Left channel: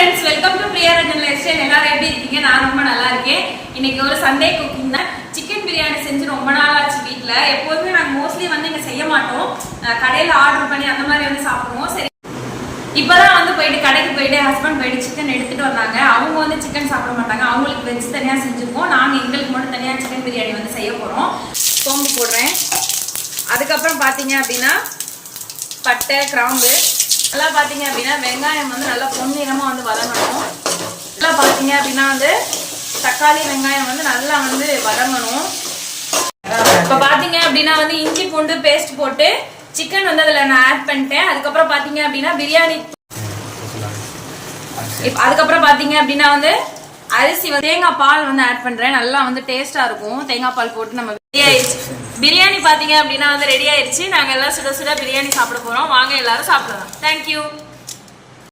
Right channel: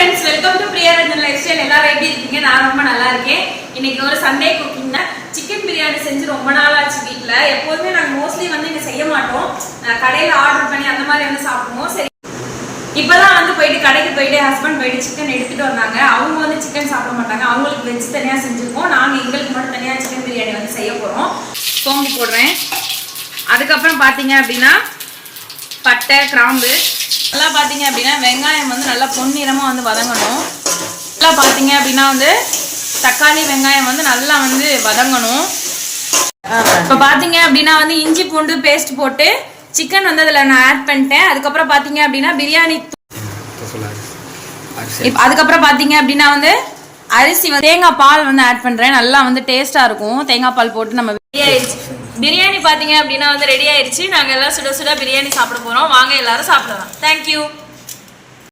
friends welcome to Priya Ranjan lifestyle எல்லாரும் எப்படி இருக்கீங்க நான் ரொம்ப நல்லா இருக்கேன் இன்னைக்கு ஒரு சண்டே குக்கிங் தான் சிக்கன் பிரியாணி செஞ்சு ரொம்ப நாள் ஆச்சு வீட்ல எப்பவுமே நாங்க மோஸ்ட்லி வந்து இங்க செய்ய மாட்டோம் கடையில ஆர்டர் பண்ணி அந்த மாதிரி வந்து சாப்பிடுவோம் சரி இப்பதான் வந்து போயிட்டு கடைக்கு போயிட்டு ஹஸ்பண்ட் போயிட்டு சிக்கன் எடுத்துட்டு வந்தாங்க அவங்க வந்து சிக்கன் சாப்பிட மாட்டாங்க அவங்களுக்கு வெஜ் தனியா செஞ்சிருக்கோம் நாங்க எங்களுக்கு மட்டும் தனியா சிக்கன் பிரியாணி வந்து செய்ய போறோம் சோம்பு போடுறேன் அதுக்கப்புறம் பாத்தீங்க அப்படின்னா பட்டை கிராம்பு எல்லாம் பாத்தீங்க அப்படின்னா வெங்காயம் வந்து நல்லா பொன்னிறமா வந்து வதங்கணும் எல்லாம் பாத்தீங்க அப்படின்னா வந்து தக்காளி வெங்காயம் வந்து நல்லா வந்து வதங்கணும் இப்போ பாத்தீங்க அப்படின்னா வந்து இஞ்சி பூண்டு பேஸ்ட் போட்டு சிக்கன் வந்து அதுல நான் ஆட் பண்ணிட்டேன் அதுக்கப்புறம் பாத்தீங்க அப்படின்னா பிரியாணி அதுக்கப்புறம் பாத்தீங்க அப்படின்னா வந்து அரிசி தேங்காய் பால் வந்து ஆட் பண்றேன் நல்லா வந்து டேஸ்டா இருக்கும் தேங்காய் பால் போட்டு நம்ம பிரியாணி பாத்தீங்க அப்படின்னா வந்து ரெடி ஆயிடுச்சு நாங்க எல்லாம் சுட சுட பிரியாணி சாப்பிட போறோம் வாங்க எல்லாரும் சாப்பிடலாம் தேங்க்யூ